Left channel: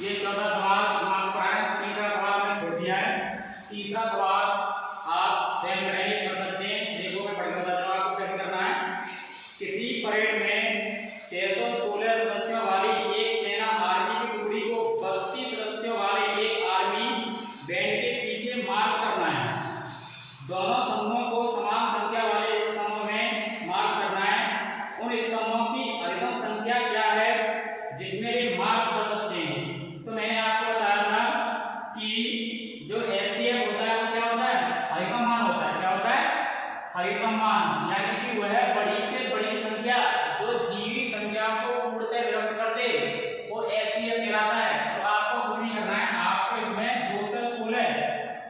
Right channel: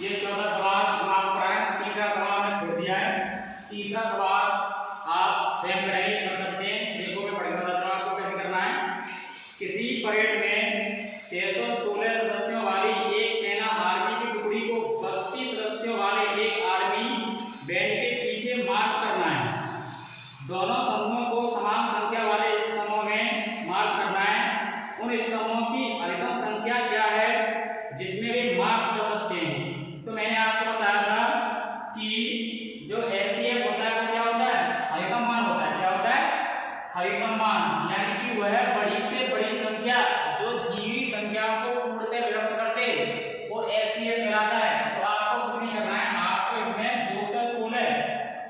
ये चौथा सवाल समाप्त है। तीसरा सवाल मैंने छोड़ दिया है। तीसरा सवाल आप स्वयं नहीं कर सकते हैं। देखो मैं पढ़ के बताता हूँ आपको कैसे करना है। किसी परेड में 616 सदस्यों वाली एक सेना आर्मी की टुकड़ी को 32 सदस्यों वाले एक आर्मी बैंड के पीछे मार्च करना है। दोनों समूहों को समान संख्या वाले स्तंभों में मार्च करना है। उन स्तंभों की अधिकतम संख्या क्या है जिसमें वे मार्च कर सकते हैं। तो मैंने आपको बताया था कि जो एचसीएफ होता है वो क्या होता है, अधिकतम मान होता है। क्या होता है, अधिकतम मान, यानी कि वह बड़ी से बड़ी संख्या जो जीवी संख्या को पूर्णतः विलुप्त करते वो एचसीएफ कहलाता है। तो आपको कुछ नहीं करना है, आपको इसमें 216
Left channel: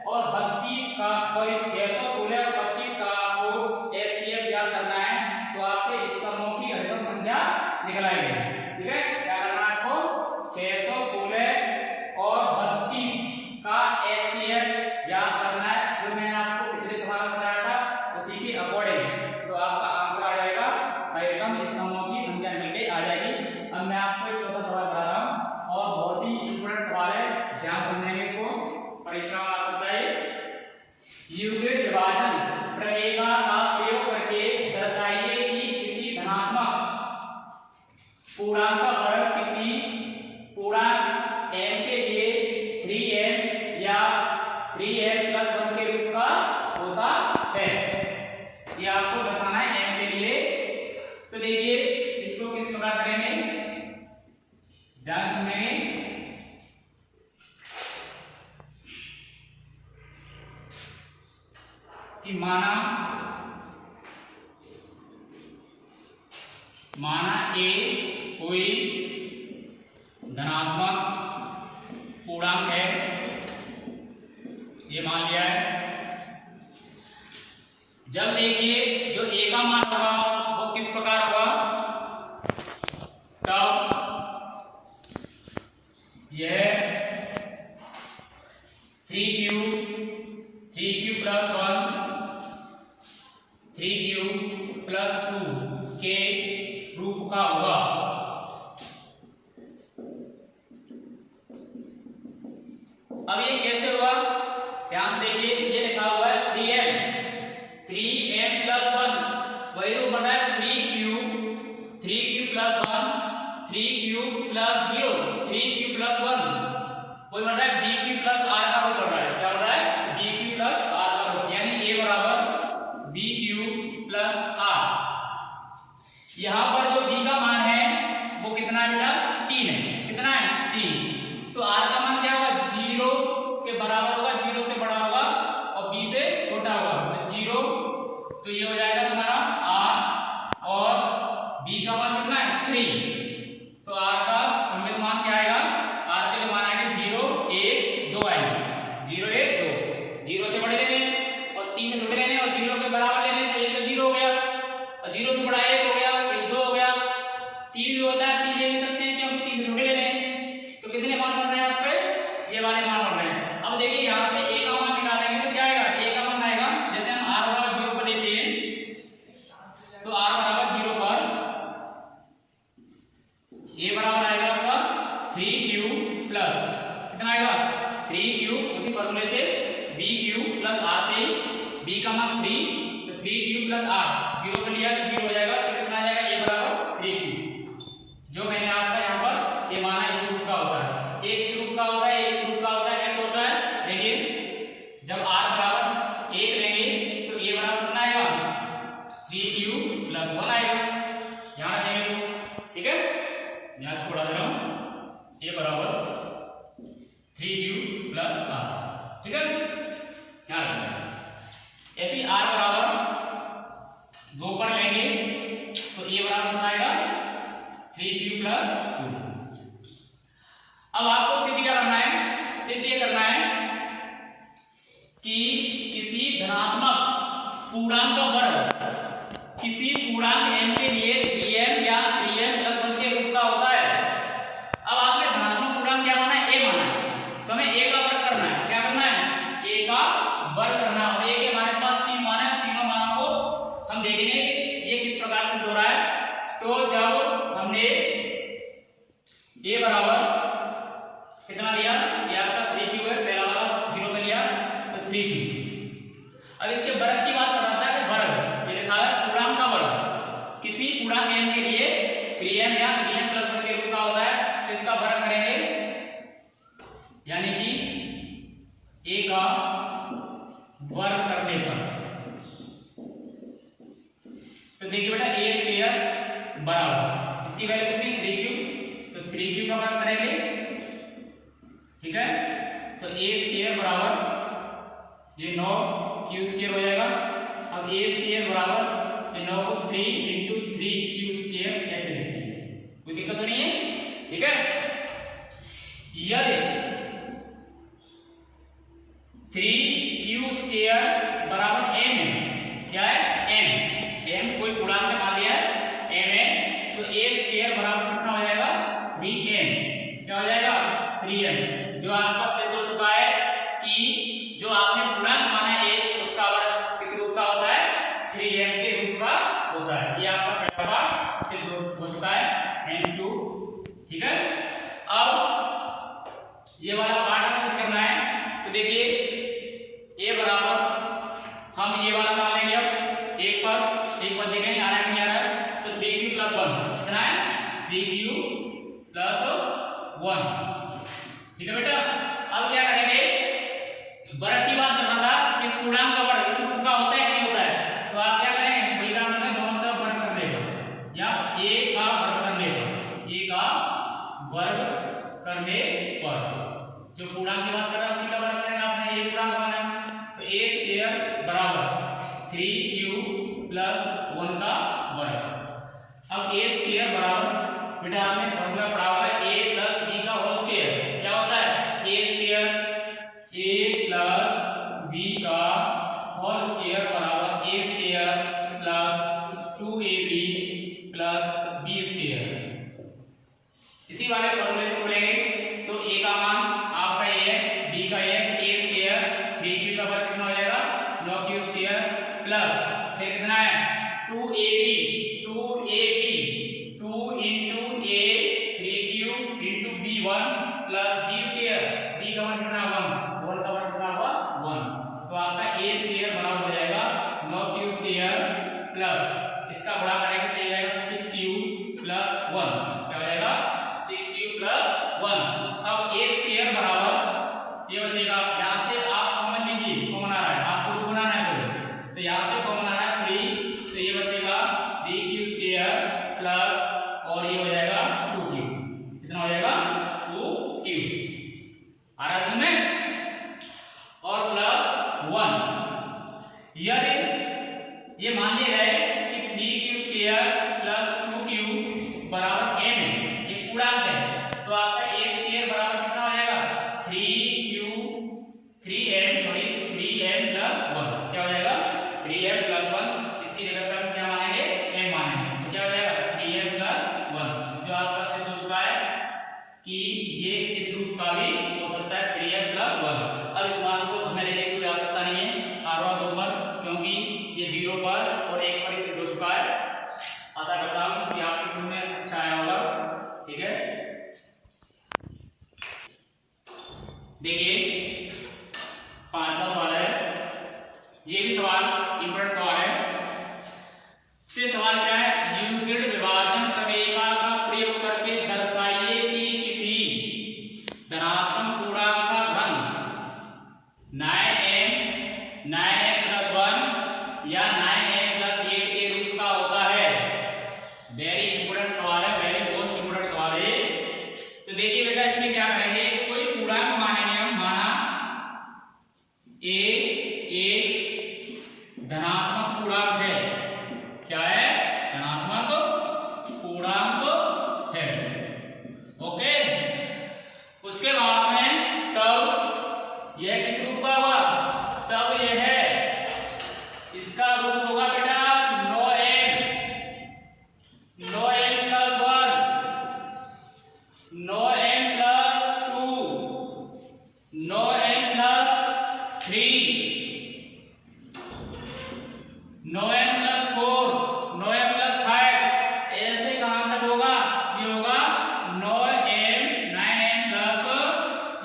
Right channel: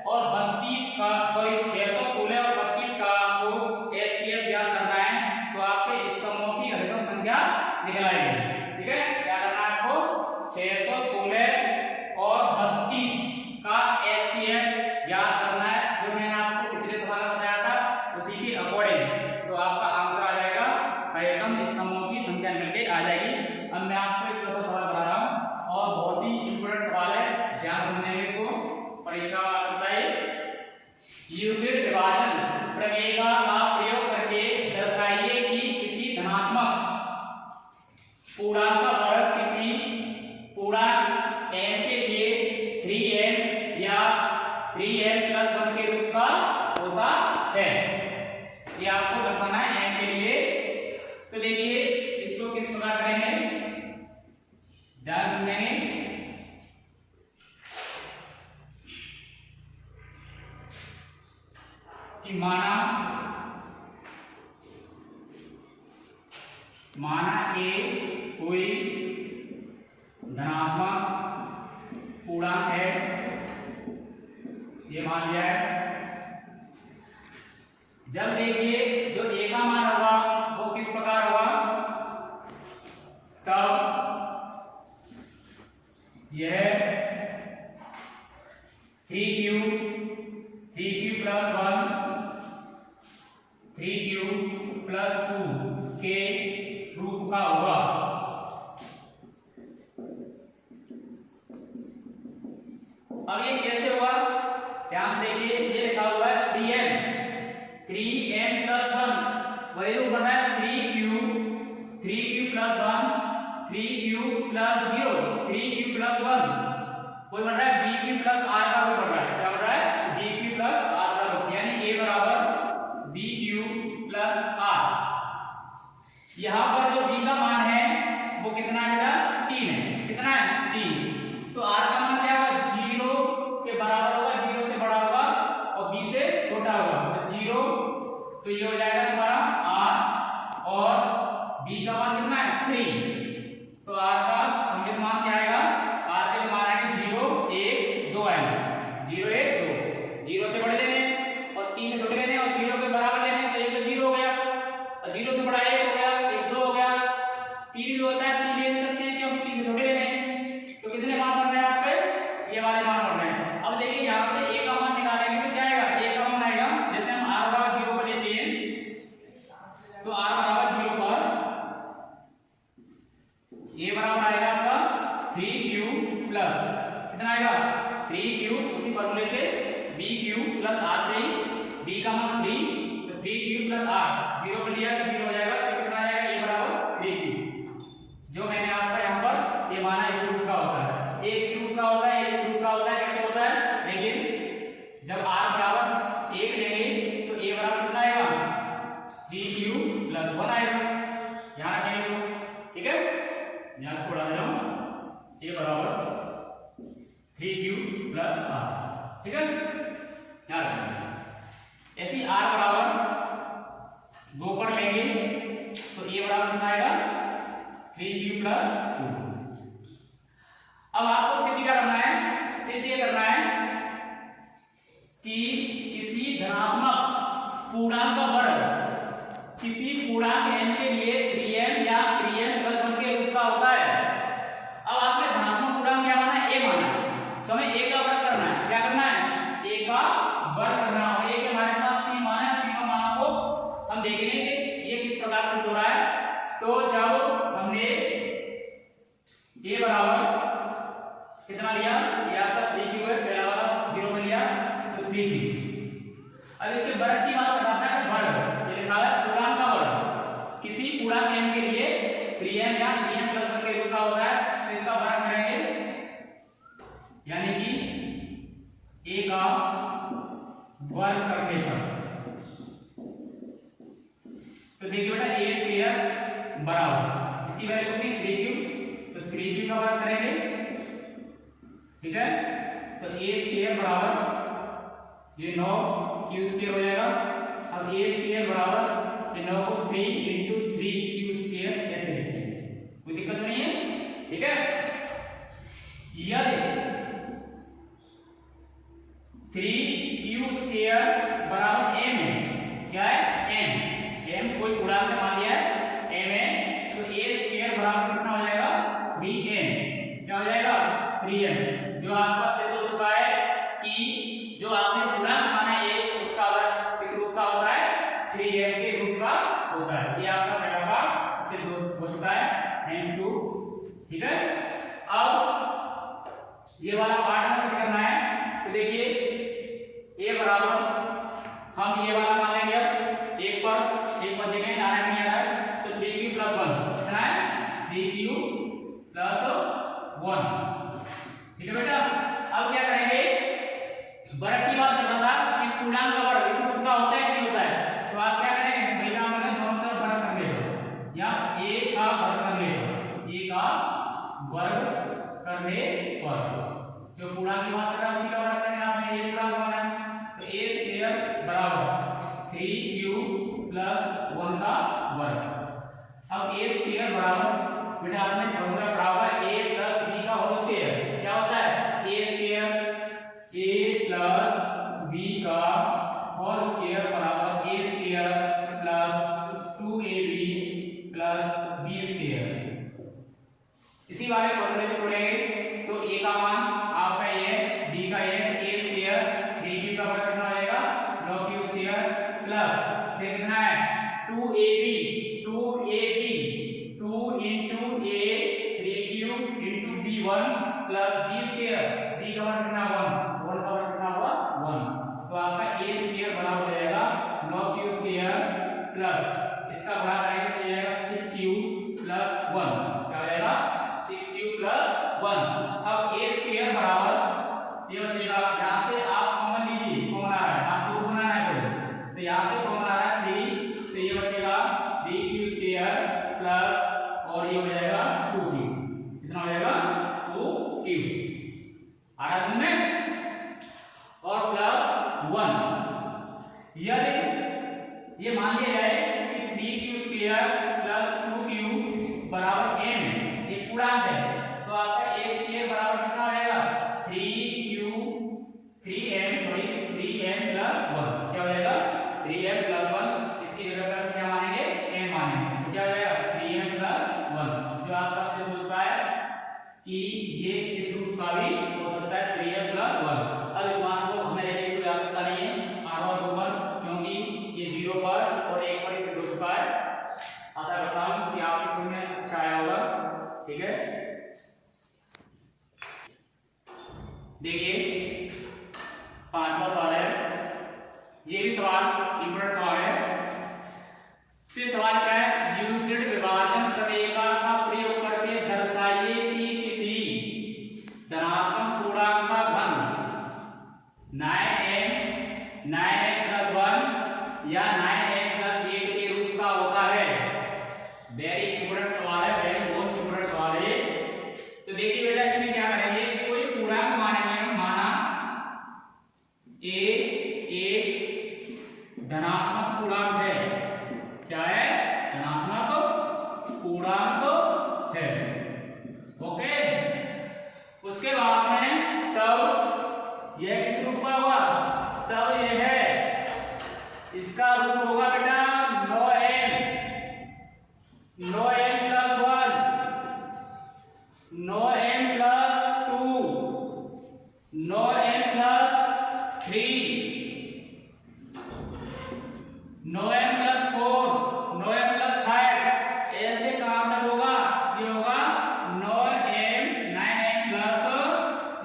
और 32 का 616 और 32 का आपको एचसीएफ याद करना है। तो आपके स्तंभों की अधिकतम संख्या निकल आएगी। ठीक है, क्या करना है आपको, 616 और 32 का एचसीएफ याद करना है, जो मैंने आपको पिछले सवाल में बताया था उसी के अकॉर्डिंग। तो आपका आंसर आ जाएगा, अधिकतम स्तंभों की संख्या मिल के आ जाएगी। अब मैं आपको एक चौथा सवाल बता रहा हूँ और बहुत ही इंपोर्टेंट सवाल है, ध्यान समझेंगे इसको, परीक्षा में आ सकता है। यूक्लिड विभाजन प्रमेय का प्रयोग करके दर्शाइए कि किसी धनात्मक पूर्णांक पर किसी पूर्णांक m के लिए 3m या 3m+1 के रूप का होता है। ये आपको दर्शाना है m के लिए। तो देखिए इसको किस प्रकार करेंगे, ध्यान समझेंगे। कि माना a कोई धनात्मक पूर्णांक है, ये मान लिया है। जब देखिए जो a का मान होगा वो किस प्रकार होगा, तब यह 3q + 1 3q + 2 के रूप का होगा। अब ये कैसे हुआ, ध्यान से देखिए, ये लिखा हुआ है 3m + 1, वही रूप बना है 3q + 1 3q + 0 3q + 1, वही बन रहा है bq + r का रूप बन रहा है। क्या बन रहा है, bq + r का रूप, यानी a बराबर bq + r। यहाँ पर जो b का मान है वो कितना है बेटा, 3 है। कितना है, 3। तो r का मान क्या होगा, 0 के बराबर होगा, 0 से बड़ा होगा और b से छोटा होगा। तो 0, तो ये हो जाएगा तुम्हारा r, और b का मान कितना है, 3। तो r का संमित मान क्या आएगा, r के मान आएंगे 0 1 2 आएंगे, 0 1 2। 0 से बड़े लेने और 3 से छोटे लेने और 0 के बराबर लेने, तो ये तो 0 हो गया और 0 से बड़ा 1 हो गया, 1 2 हो गया। 3 भी होता है, 3 ले सकते हैं क्योंकि 3 से छोटे लेने। तो कितने मान बन रहे हैं आपके, ये वाले मान बन रहे हैं। अब देखिए यहाँ से a का मान निकालेंगे तो क्या आएगा, a का मान आएगा, जैसे हम r बराबर 0 पर लेते हैं तो r बराबर 0 पर a बराबर आएगा आपका 3q प्लस, कितना आएगा, 3q, उसी फॉर्मूले से bq + r से ही b का मान 3, तो 3q + r 0 पर लिया तो 0 हो जाएगा। तो कितना आ जाएगा, a बराबर 3q। जो मैंने आपका यहाँ पर ये माना इस रूप का होता है, एक इस रूप का होता है, एक इस रूप का होता है। कैसे होता है, देखिए जब r बराबर 1 लेंगे तो a बराबर कितना आएगा, 3q + 1 आएगा। यहाँ रखेंगे तो, ठीक है, यहाँ से पढ़ा दे रहा हूँ, a बराबर 3q + r, ठीक है, यहाँ रखेंगे। ऐसे r बराबर 2 पर लेंगे तो a बराबर कितना आएगा, 3q + 2। अब आपको सिद्ध क्या करना है, सिद्ध ये करना है कि किसी धनात्मक पूर्णांक का वर्ग किसी पूर्णांक m के लिए 3m या 3m + 1 के रूप का होता है। अब आपने धनात्मक कितना लिया, ये आपका 3 क्यूब है, पहला वाला 0 में लिया तो 3 क्यूब। अब इसके वर्ग की बात कर रहा था कि वर्ग, ये लिखा है पूर्णांक का वर्ग, किसी पूर्णांक m के लिए 3m या 3m + 1 के रूप का होता है, तो इसका वर्ग करेंगे, यानी कि a का वर्ग करने पर। तो देखिए बेटा a स्क्वायर बराबर इसकी वैल्यू कितनी 3 क्यूब, तो 3 क्यूब का वर्ग करेंगे, ठीक है। तो a स्क्वायर बराबर ये 9 क्यू स्क्वायर हो जाएगा। अब a स्क्वायर बराबर ये 9 को 3 × 3 क्यू स्क्वायर ऐसे लिखते हैं, कोई दिक्कत तो नहीं है, ठीक है। यदि 3 क्यू स्क्वायर बराबर m है, क्या है m कोई पूर्णांक मान लिया है m है, तो a स्क्वायर बराबर कितना हो जाएगा 3m, क्या हो जाएगा 3m। जो आपका सिद्ध हो चुका है कि जो आपने पूर्णांक माना है उसका वर्ग किस रूप का होता है 3m के रूप का होता है, ये आपका पहला पार्ट सिद्ध हो चुका है, hence 2, ठीक है। अब ये वाला पार्ट हमें सिद्ध करना है, तो देखिए a बराबर हम ये वाला मान लेंगे, अब एक पर देखेंगे आ रहा है कि नहीं आ रहा है, तो 3q + 1 कितना है 3q + 1, ठीक है बेटा। अब क्या करेंगे, वर्ग की बात कर रहा था, किस पूर्णांक का वर्ग इस रूप का होता है कि नहीं होता है, तो आप क्या करेंगे वही काम करना, दोनों तरफ वर्ग करने पर या a का वर्ग करने पर, a का वर्ग करने पर जो पूर्णांक की बात कर रहा है उसी का वर्ग करेंगे, आपने a पूर्णांक माना है, तो a स्क्वायर बराबर 3q + 1 का वर्ग। अब a स्क्वायर बराबर बेटा आपने फॉर्मूला पढ़ा हुआ है a + b का होल स्क्वायर, क्या होता है a स्क्वायर a + b का होल स्क्वायर बराबर a square + 2ab + b square. इसी वाले फॉर्मूले से बोलेंगे तो a का मान आपका ये है, b का ये है, a स्क्वायर 3q का वर्ग कितना हो जाएगा 9q स्क्वायर प्लस फिर कितना है 2ab 2 × a 3q × b1 plus b square, b का वर्ग कितना 1, होल का वर्ग कितना हुआ 1, तो आपका a स्क्वायर बराबर हो जाएगा 9q स्क्वायर प्लस इसका गुणा करेंगे तो ये आएगा 6q + 1, क्या हो जाएगा 6q + 1। अब a स्क्वायर बराबर ये बचेगा, यहां से आप कॉमन लीजिए, कॉमन आ रहा है आपको तो बनाना है, तो यहां से कॉमन आ रहा है 3, तो ये बचेगा 3q स्क्वायर प्लस और ये हो जाएगा 2q, कितना हो जाएगा 2q आ रहा समझ में, और प्लस 1। यदि ये मान लिया जाए कि 3q स्क्वायर प्लस 2q बराबर m है, ये पूर्णांक है, तो आपका a स्क्वायर बराबर कितना हो जाएगा 3m + 1, क्या हो जाएगा 3m + 1, इसकी जगह पे हम क्या मानेंगे m मानेंगे, तो क्या हो जाएगा 3m + 1, जो आपका सिद्ध हो चुका है कि ये इस रूप का भी हो सकता है 3m + 1। अब इस मान को हमें लेने की कोई आवश्यकता नहीं है r1 2 पर, क्योंकि ये 0 पर और 1 पर ही सिद्ध हो चुका है। आशा करता हूं कि आपकी समझ में अच्छा आया होगा, ठीक है। देखिए 5वां सवाल है, ये भी सवाल इंपॉर्टेंट सवाल है। तो सवाल क्या है, यूक्लिड विभाजन प्रमेयिका का प्रयोग करके दर्शाइए कि किसी धनात्मक पूर्णांक का घन 9m + 1 या 9m + 8 के रूप का होता है। वेरी इंपॉर्टेंट सवाल है, वेरी मोस्ट इंपॉर्टेंट सवाल है। तो देखिए बेटा इसमें क्या करेंगे, कोई पूर्णांक मानेंगे, माना a एक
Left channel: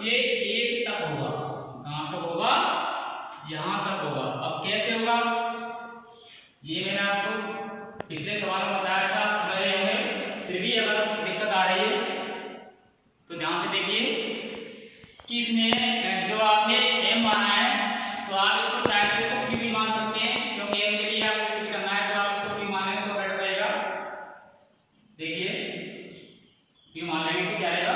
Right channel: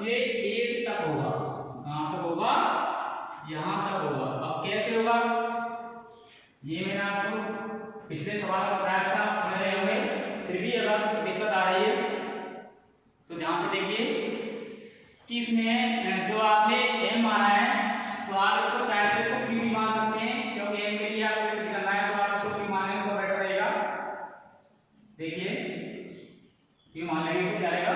ये 1 तक होगा। कहाँ तक होगा? यहाँ तक होगा। अब कैसे होगा? ये मैंने आपको पिछले सवाल में बताया था, समझ रहे होंगे। फिर भी अगर दिक्कत आ रही है तो ध्यान से देखिए कि इसमें जो आपने m माना है तो आप इसको चाहे तो इसको q भी मान सकते हैं, क्योंकि m के लिए आपको सिद्ध करना है तो आप इसको q मान लेंगे तो बेटर रहेगा। देखिए q मान लेंगे तो क्या रहेगा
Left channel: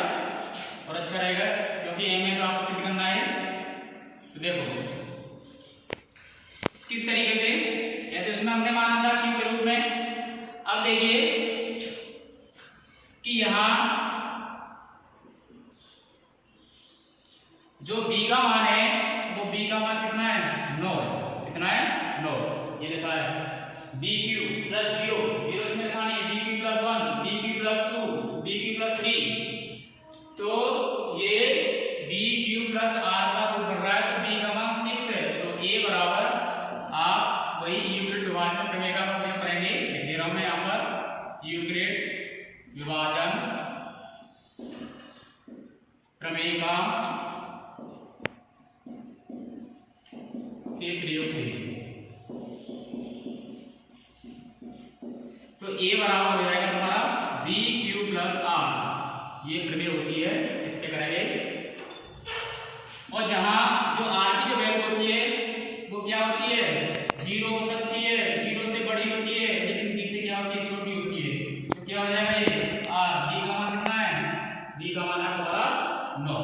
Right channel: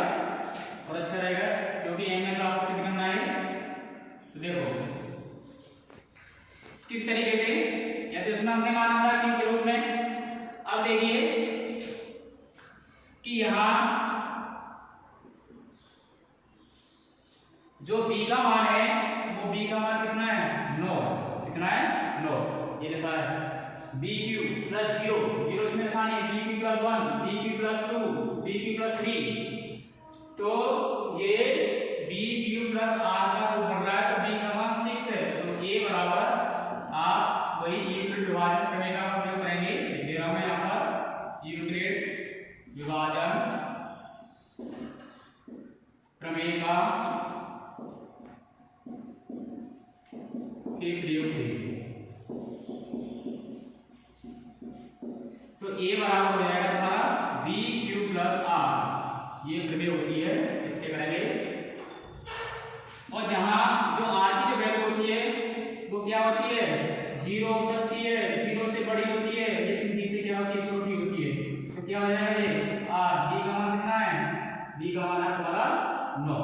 और अच्छा रहेगा, क्योंकि m में तो आपको सिद्ध करना है। तो देखो किस तरीके से, ऐसे इसमें हमने माना था q के रूप में। अब देखिए कि यहाँ जो b का मान है वो b का मान कितना है? 9। कितना है? 9। ये लिखा है bq प्लस 0, 0 इसमें लिखा नहीं है, bq plus 1, bq plus 2, bq plus 3। तो ये bq प्लस r का जो बन रहा है तो b का मान 6 है। तो a बराबर आप वही यूक्लिड विभाजन प्रमेय का प्रयोग करेंगे। दे रहा हूं मैं यहाँ पर यूक्लिड विभाजन प्रमेय का के प्रयोग से। तो a बराबर हो जाएगा तुम्हारा bq प्लस r, ये प्रमेय होती है, इससे करेंगे। और जहां जो r की जो वैल्यू होती है वो क्या होती है? 0 हो सकती है, 0 से बड़ी होती है, लेकिन b से क्या होती है? छोटी होती है। तो क्या हो जाएगा ये r, b का मान कितना है? b का मान है तुम्हारा 9।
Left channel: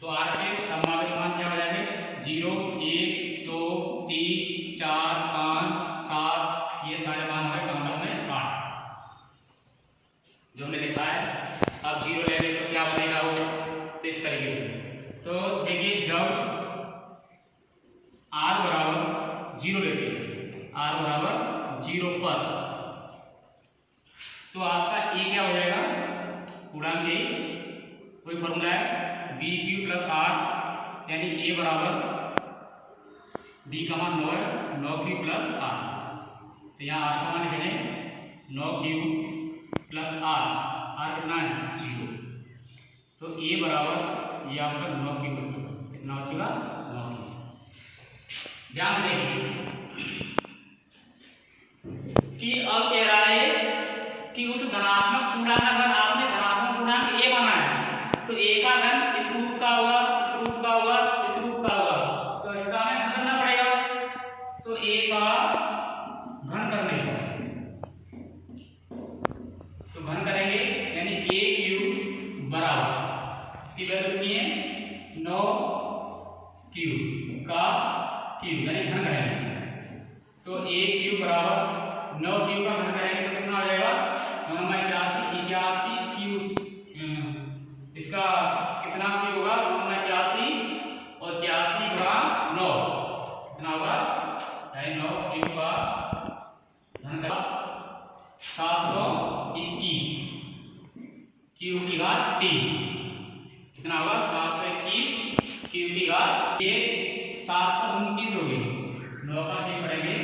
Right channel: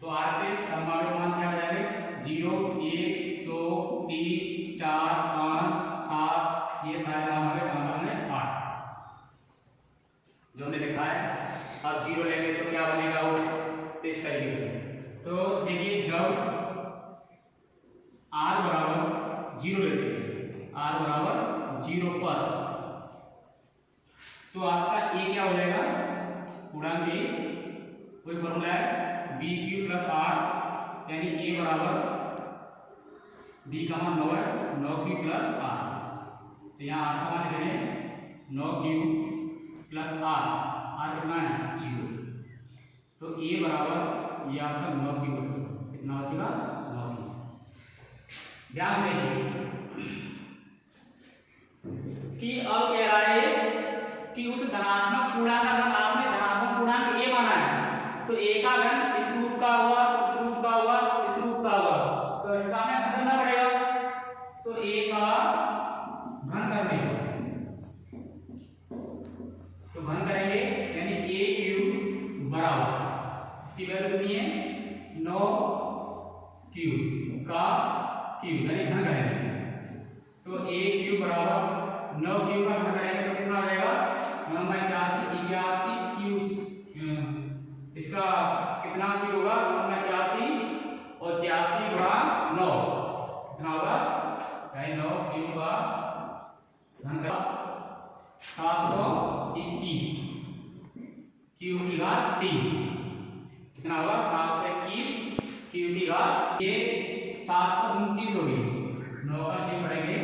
तो r के संभावित मान क्या हो जाएंगे? 0, 1, 2, 3, 4, 5, 7, ये सारे मान हो गए कम में 8 जो हमने लिखा है। अब 0 लेंगे तो क्या बनेगा वो? तो इस तरीके से। तो देखिए जब r बराबर 0 लेते हैं, r बराबर 0 पर, तो आपका a क्या हो जाएगा? पूर्णांक a, कोई फॉर्मूला है bq प्लस r, यानी a बराबर b का मान 9 है, 9q प्लस r। तो यहाँ r का मान लिखेंगे 9q प्लस r कितना है? 0। तो a बराबर ये आपका 9q बचेगा। कितना बचेगा? 9q। ध्यान से देखिए कि अब कह रहा है कि उस धनात्मक पूर्णांक का घन आपने धनात्मक पूर्णांक a माना है, तो a का घन इस रूप का होगा, इस रूप का होगा, इस रूप का होगा। तो इसका हमें घन करना पड़ेगा। तो a का घन करने का, तो घन करेंगे यानी a क्यूब बराबर, इसकी वैल्यू कितनी है? 9q का क्यूब, यानी घन करेंगे। तो a क्यूब बराबर 9q का घन करेंगे तो कितना हो जाएगा? 81 क्यूब। इसका कितना क्यूब होगा? 81 और 81 गुणा 9 कितना होगा? 9 क्यूब का घन का 721 क्यूब की घात 3 कितना होगा? 721 क्यूब की घात, ये 729 होगी। 9 का 3 पढ़ेंगे,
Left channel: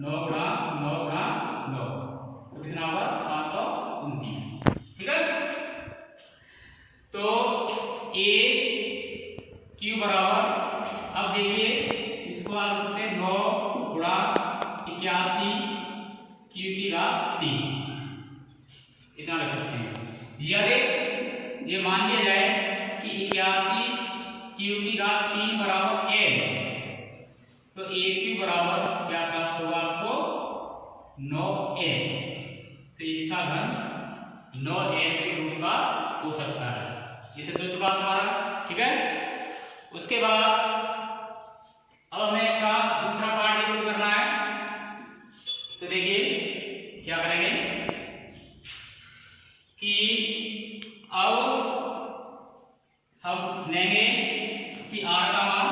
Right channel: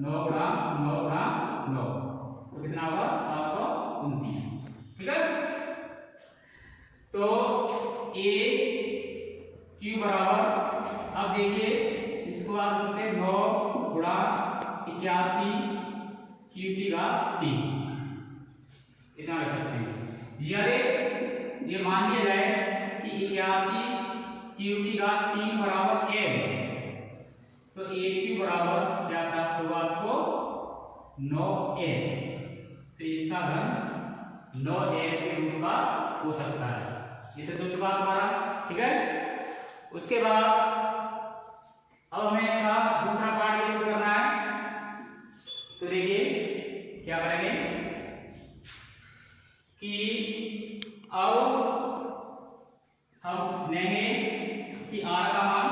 9 गुणा 9 गुणा 9 तो कितना होगा? 729। ठीक है। तो a क्यूब बराबर, अब देखिए इसको आप लिख सकते हैं 9 गुणा 81 क्यूब की घात 3, इतना लिख सकते हैं। यदि ये मान लिया जाए कि 81 क्यूब की घात 3 बराबर n, तो a क्यूब बराबर क्या प्राप्त होगा आपको? 9n। तो इसका घन 9n के रूप का हो सकता है। ये सिद्ध हो चुका तुम्हारा। ठीक है। उसके बाद अब हमें इसका दूसरा पार्ट शुरू करना है। तो देखिए क्या करेंगे कि अब हम लेंगे कि r का मान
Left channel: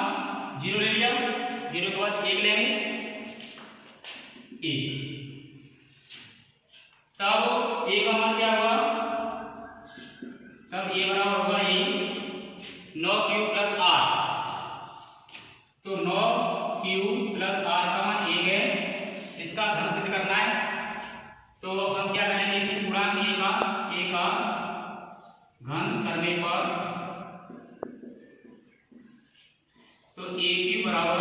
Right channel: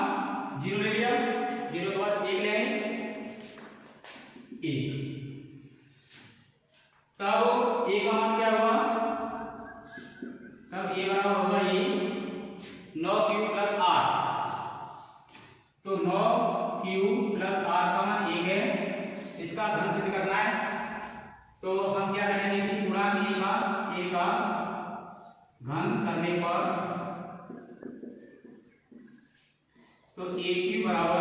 0 ले लिया, 0 के बाद 1 लेंगे, 1। तब a का मान क्या होगा? तब a बराबर होगा यही 9q प्लस r। तो 9q प्लस r का मान 1 है, इसका घन सिद्ध करना है। तो हम क्या करेंगे? इसी पूर्णांक a का घन करने पर ए क्यू बराबर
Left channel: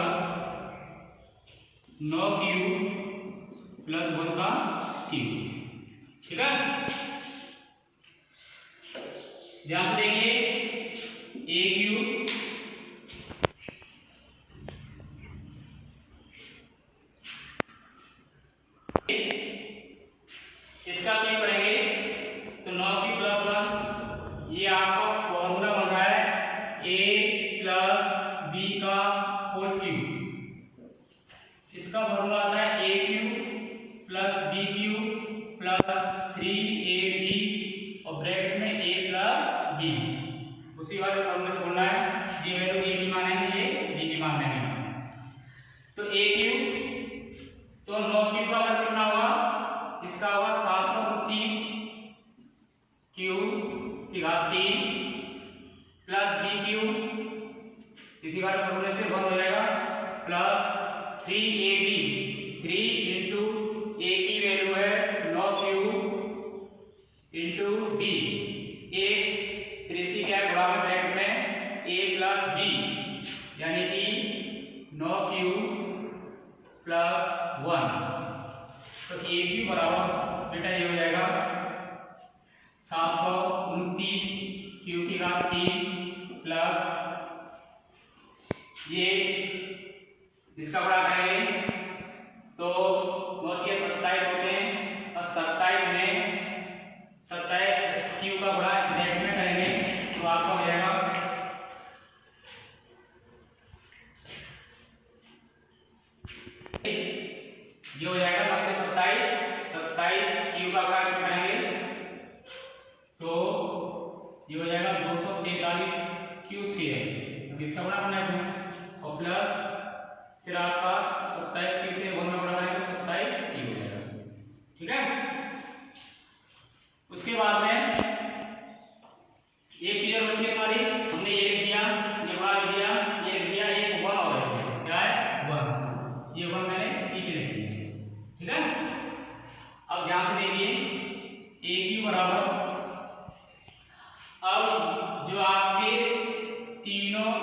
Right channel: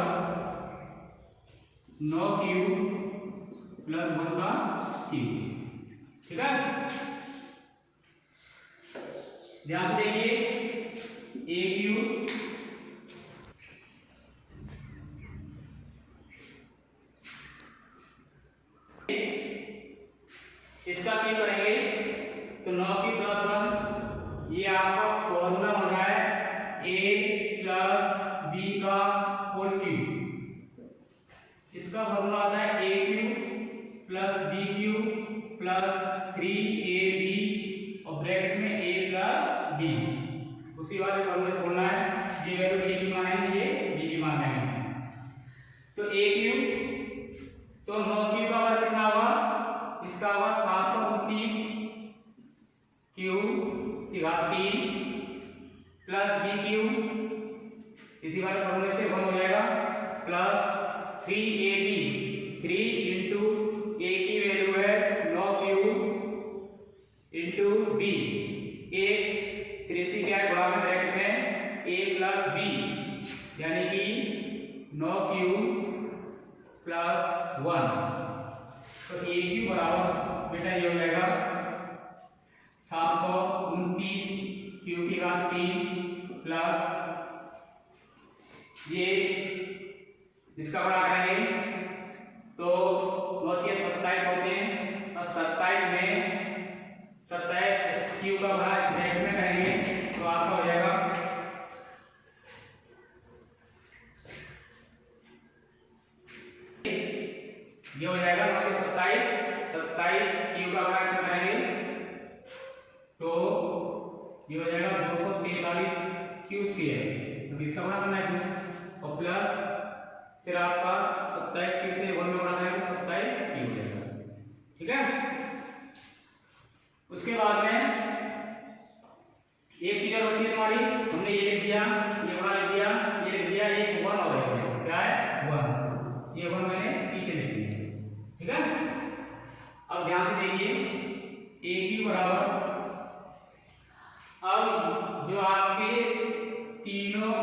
9q प्लस 1 का क्यूब। ठीक है, ध्यान से देखिए, ए क्यू इसका क्यों करेंगे तो 9q प्लस 1, ये आपका फॉर्मूला बन रहा है a प्लस बी का होल क्यूब। इसका फॉर्मूला आता है A cube plus B cube plus 3ab और ब्रैकेट में a प्लस b। उसी वाले फॉर्मूले से बोलना है, ये वैल्यू a की मान है, ये b की मान है। तो a क्यू तो 9q का वर्ग कितना होगा, इसका होगा 729 क्यू की घात 3 प्लस बी क्यू, इसी बार फॉर्मूले से बन हो जाएगा, प्लस 3ab, 3 इंटू ए की वैल्यू है 9q इंटू बी, एक 3 क्या है गुणा में ब्रैकेट में a प्लस b, यानी कि 9q प्लस 1। तो ए क्यू बराबर बेटा ये हो जाएगा 729 क्यू की घात 3 प्लस ये इसका बड़ा करेंगे तो 9 के 27 होते हैं, और 27 में 27 क्यू का बड़ा इस ब्रैकेट में करेंगे तो आपका हो जाएगा ये हो जाएगा 27 क्यू का बड़ा इसमें करेंगे तो ये हो जाएगा 243 क्यू स्क्वायर, तो इसका बड़ा करना है इसमें, और प्लस फिर आपका 27 क्यू से 1 में बड़ा करेंगे तो 27 क्यू हो जाएगा। ठीक है, उसके बाद में एक चीज और बची हमारी, हमने ये लिख दिया, ये बड़ा लिख दिया, ये लिख दिया, एक 1 और ऐसे क्या है 1, ये 1 मैंने नीचे लिख दिया। ठीक है, अब ध्यान से देखिए ए क्यू बराबर, अब जो आपके तीनों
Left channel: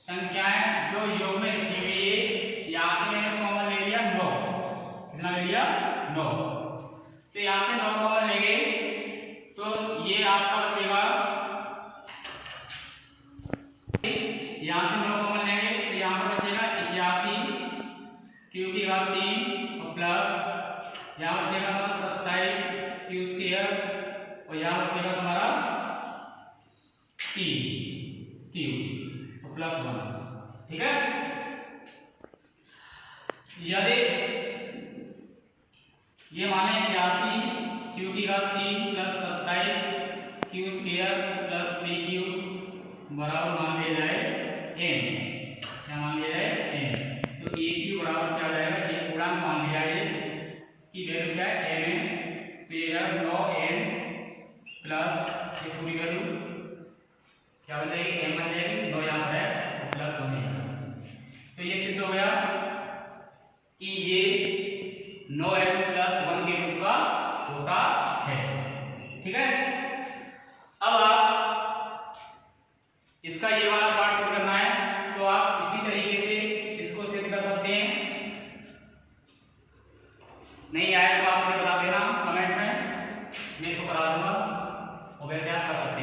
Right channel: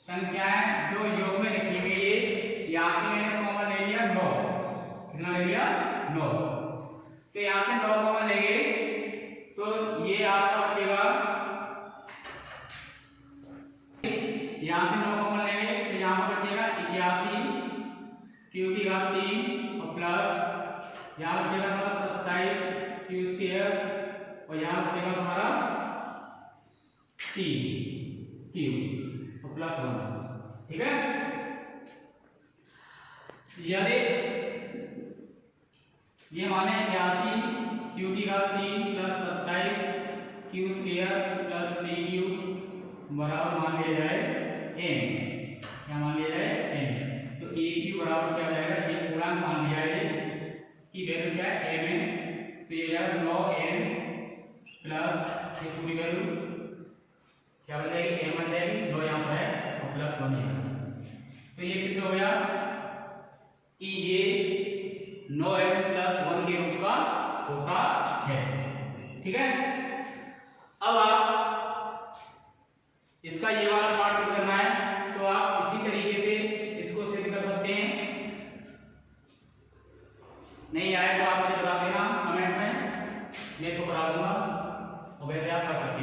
संख्याएं जो योग में लिखी हुई है, यहां से मैंने कॉमन ले लिया 9, कितना ले लिया 9, तो यहां से 9 कॉमन लेंगे तो ये आपका बचेगा, यहां से 9 कॉमन लेंगे तो यहां पर बचेगा 81 क्यू की घात 3 और प्लस यहां बचेगा तुम्हारा 27 क्यू स्क्वायर और यहां बचेगा तुम्हारा 3 क्यू और प्लस 1। ठीक है, यदि ये माने 81 क्यू की घात 3 plus 27 Q square plus 3 Q बराबर मान लिया जाए m, क्या मान लिया जाए m, तो ए क्यू बराबर क्या हो जाएगा, एक पूर्णांक मान लिया है, इसकी वैल्यू क्या है m, तो ये 9n प्लस ये पूरी वैल्यू क्या बन जाएगी m बन जाएगी, 9 यहाँ पर है और प्लस 1 यहाँ, तो ये सिद्ध हो गया कि ये 9m प्लस 1 के रूप का होता है। ठीक है, अब आप इसका ये वाला पार्ट सिद्ध करना है तो आप इसी तरीके से इसको सिद्ध कर सकते हैं, नहीं आए तो आप मुझे बता देना कमेंट में, मैं इसको करा दूंगा और वैसे आप कर सकते हैं।